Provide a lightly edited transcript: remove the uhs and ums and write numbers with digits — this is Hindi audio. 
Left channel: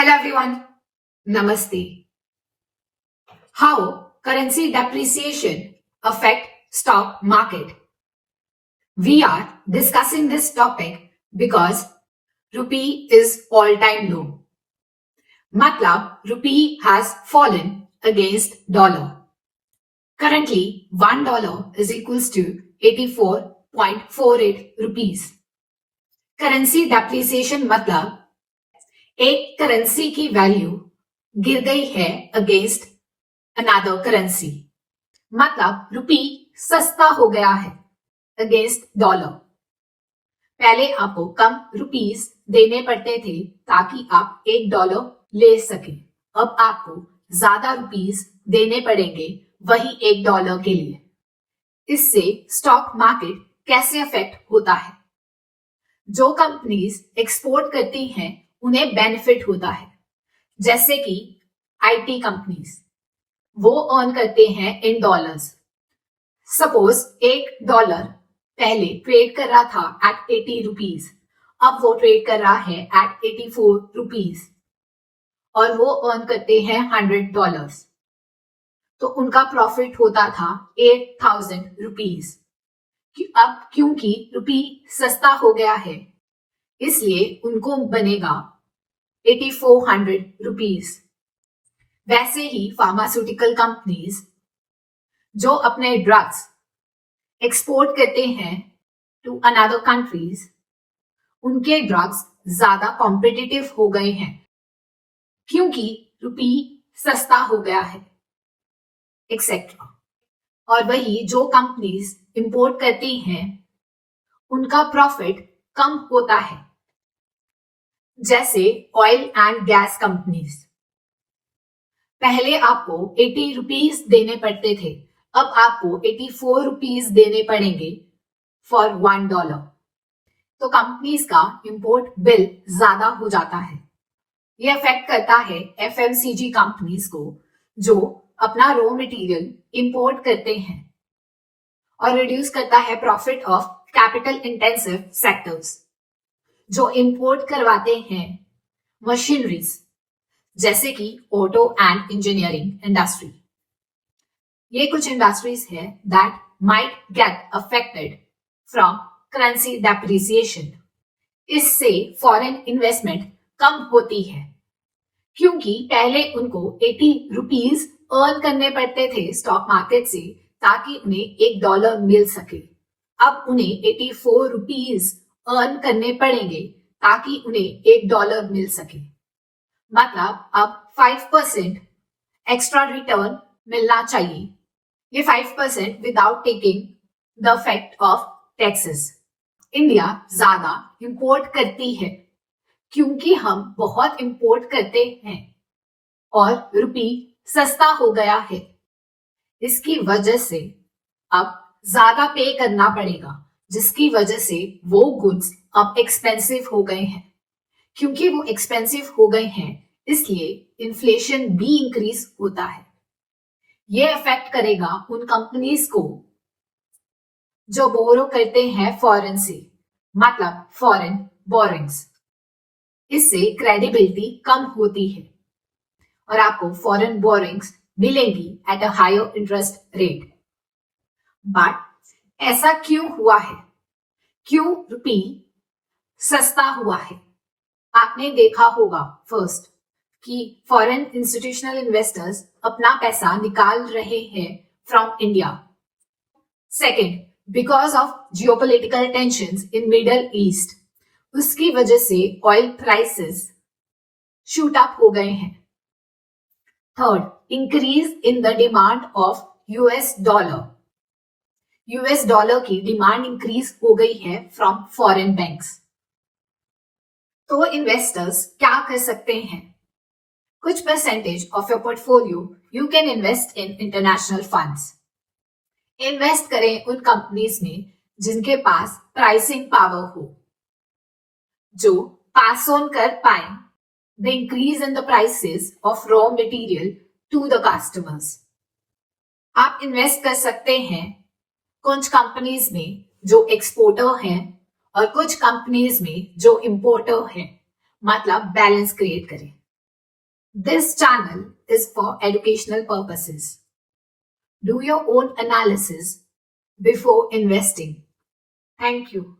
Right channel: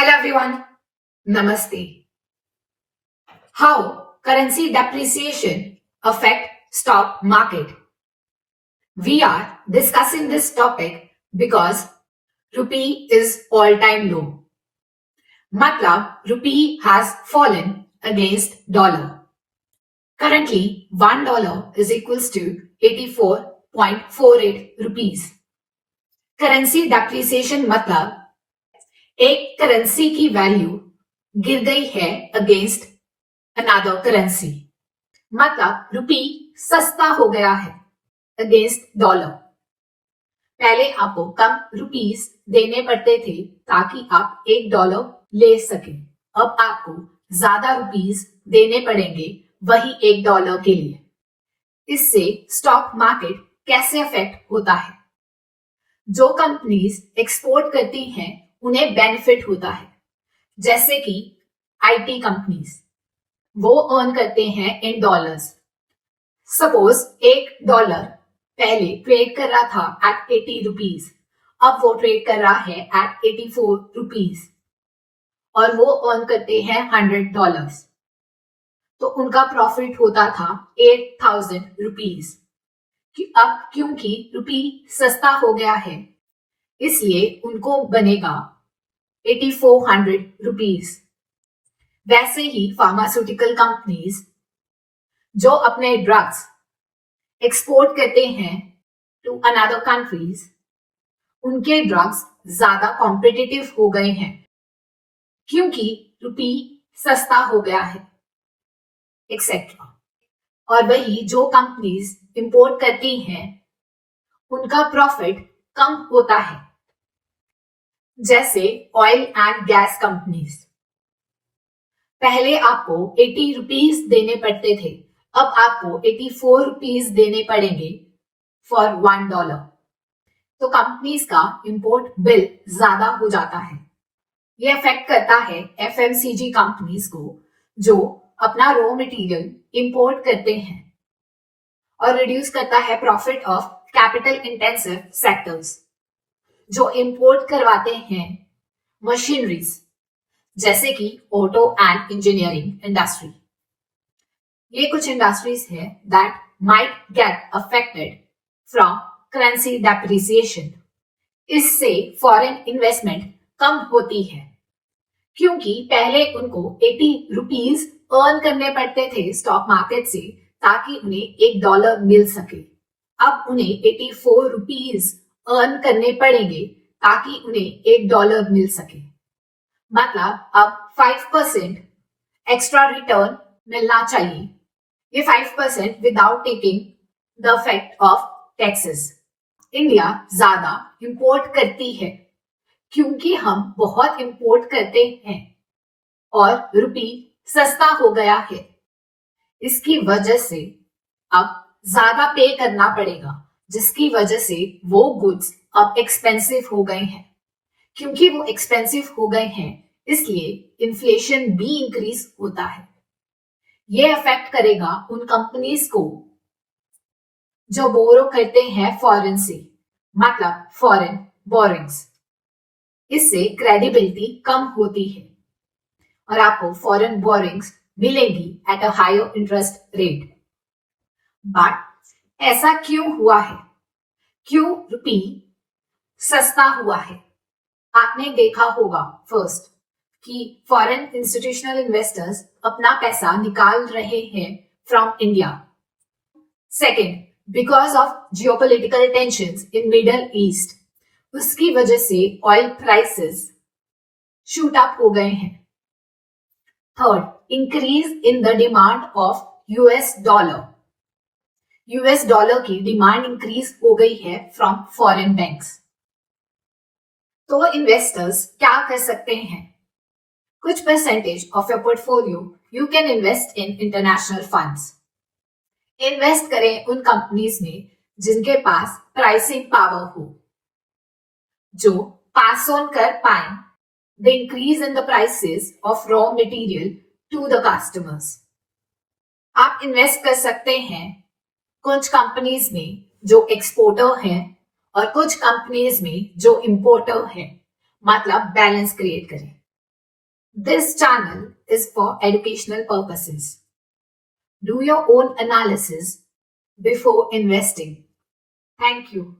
Hello everyone, Namaste. How currency depreciation affect stock market? We are discussing this topic because rupee is all-time low. Matlab, rupee has fallen against dollar. Currently, $1 is equals to 84.48 rupees. Currency depreciation मतलब एक करेंसी की वैल्यू गिर गई है अगेंस्ट अनदर करेंसी, मतलब रुपी सस्ता हो गया है अगेंस्ट डॉलर। पहले आपको कम रुपीस देने पड़ते थे ताकि आप $1 ले सकें। अब आपको ज्यादा रुपीस देने पड़ेंगे वही $1 के लिए। इससे स्टॉक मार्केट कैसे अफेक्ट होता है? जो कंपनीज एक्सपोर्ट करती हैं उन्हें बेनिफिट होता है, जैसे कि आईटी कंपनीज, वो अर्न करते हैं इन डॉलर्स। सपोज $1 पहले ट्रेड कर रहा था एट 80 रुपीज, अब वो ट्रेड कर रहा है एट 84 रुपीज और वो अर्न करते हैं $100, तो उनका प्रॉफिट होता था 8,000 रुपीज। अब क्योंकि रुपी सस्ता हो गया है इसलिए उनको बनेगा 8400 रुपीज। वैसे ही फार्मास्यूटिकल कंपनीज जो अपने ड्रग्स एक्सपोर्ट करते हैं टू अनदर कंट्रीज, उनके ड्रग्स ज्यादा कॉम्पिटिटिव हो गए हैं क्योंकि रुपी सस्ता हो गया है, एक्सेट्रा। और वही जो कंपनीज इंपोर्ट करती हैं उनका प्रॉफिट कम होता है, जैसे ऑयल एंड गैस कंपनीज। पहले आपको 80 रुपीज देने पड़ते थे, अब आपको 84 रुपीज देने पड़ेंगे फॉर $1। तो कंपनीज का इंपोर्ट बिल ज्यादा हो जाता है। ये अफेक्ट करता है एफएमसीजी कंपनीज को जो अपना रॉ मटेरियल इंपोर्ट करते हैं, और रिड्यूस करता है profit of capital intensive sectors जो इंपोर्ट करवाते हैं मशीनरीज, जैसे कि ऑटो एंड इंजीनियरिंग इंडस्ट्री। ये कुछ इंडस्ट्रीज है that might get affected from currency depreciation. इससे फॉरेन इन्वेस्टमेंट कम होती है क्योंकि पहले उनको 80 रुपीज अर्न करने पड़ते थे स्टॉक मार्केट से ताकि उन्हें $1 मिल सके। अब उन्हें 84 रुपीज अर्न करने पड़ेंगे ताकि उन्हें $1 मिल सके। मतलब अब 5% एक्स्ट्रा रिटर्न मिलना चाहिए। ये 5% without taking the effect of taxes. India ज्यादा इंपोर्ट करती है क्योंकि हम बहुत इंपोर्ट करते हैं और रुपी सस्ता हो गया है। इसकी वजह से अब ज्यादा पे करना पड़ेगा, जिसकी वजह से वो गुड्स अब एक्सपेंसिव हो गए हैं। क्योंकि वो एक्सपेंसिव हो गए हैं इसलिए इन्फ्लेशन भी इंक्रीज होता है। ये अफेक्ट करेगा उन कंपनीज को जो बोरो करते हैं फॉरेन से, मतलब फॉरेन बोरिंग्स। इससे क्रेडिबिलिटी कम होती है और आपको फॉरेन बोरिंग्स मिलेगी at a higher interest rate. But ऐसा क्यों हुआ है? क्यों रुपी सस्ता हुआ है? आपने देखा होगा फर्स्ट कि फॉरेन इंस्टीट्यूशनल इन्वेस्टर्स अपना पैसा निकाल रहे हैं from India. Second, because of geopolitical tensions in middle east, उसकी वजह से ऑयल प्राइसेस शूट अप हो गए हैं। Third, increase in the demand of US dollar. US dollar की डिमांड इंक्रीज हो गई है फ्रॉम फॉरेन बैंक्स। तो इन्वेस्टर्स क्या कर सकते हैं? कुछ percentage of your portfolio you can invest in international funds. Invest करें उन कंपनीज में जिनके पास प्राइसिंग पावर हो, जो पास ऑन कर पाए the increase in the prices of raw material to the customers. आप इन्वेस्ट कर सकते हैं कुछ कंपनीज में जो एक्सपोर्टर हैं और कुछ कंपनीज में जो इंपोर्टर हैं, मतलब बैलेंस क्रिएट करें। This channel is for educational purposes. Do your own analysis before investing. Thank you.